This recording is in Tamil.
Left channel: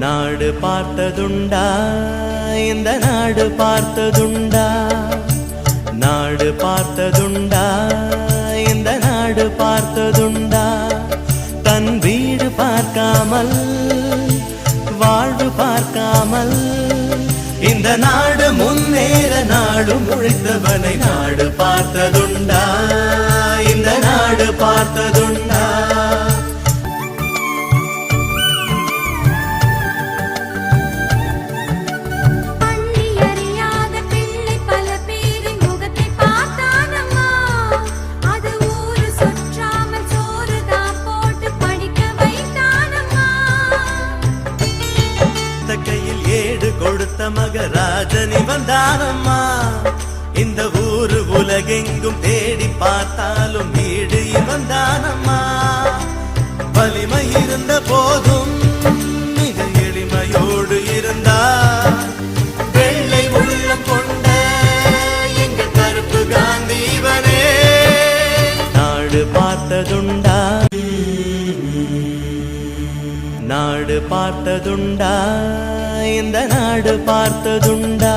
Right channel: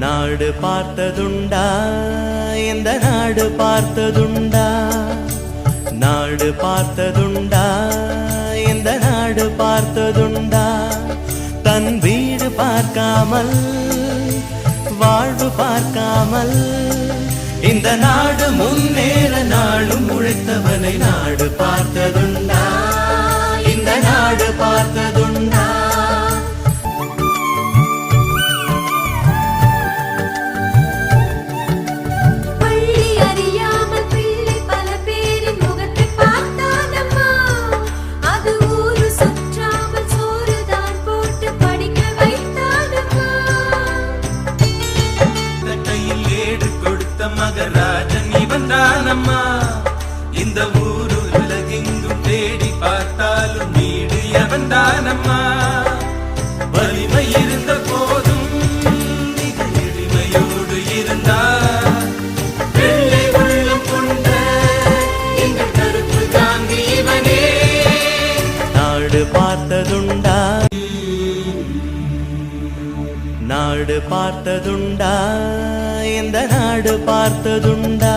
நாடு பார்த்ததுண்டா இந்த நாடு பார்த்ததுண்டா நாடு பார்த்ததுண்டா இந்த நாடு பார்த்ததுண்டா தன் வீடு பார்க்காமல் வாழ்வு பார்க்காமல் இந்த நாடு முன்னேற நாடு முழித்தவனை நாடு பார்த்ததுண்டா இந்த நாடு பார்த்ததுண்டா மகராஜனி வந்தானம்மா இந்த ஊரு உலகெங்கும் தேடி பார்த்தாலும் வீடிய வந்தானம்மா வலிமை இருந்த போதும் மிக எளிமையோடு இருந்தார் வெள்ளை உள்ளம் கொண்ட எங்கள் கருப்பு காந்திவனே நாடு பார்த்ததுண்டா நாடு பார்த்ததுண்டா இந்த நாடு பார்த்ததுண்டா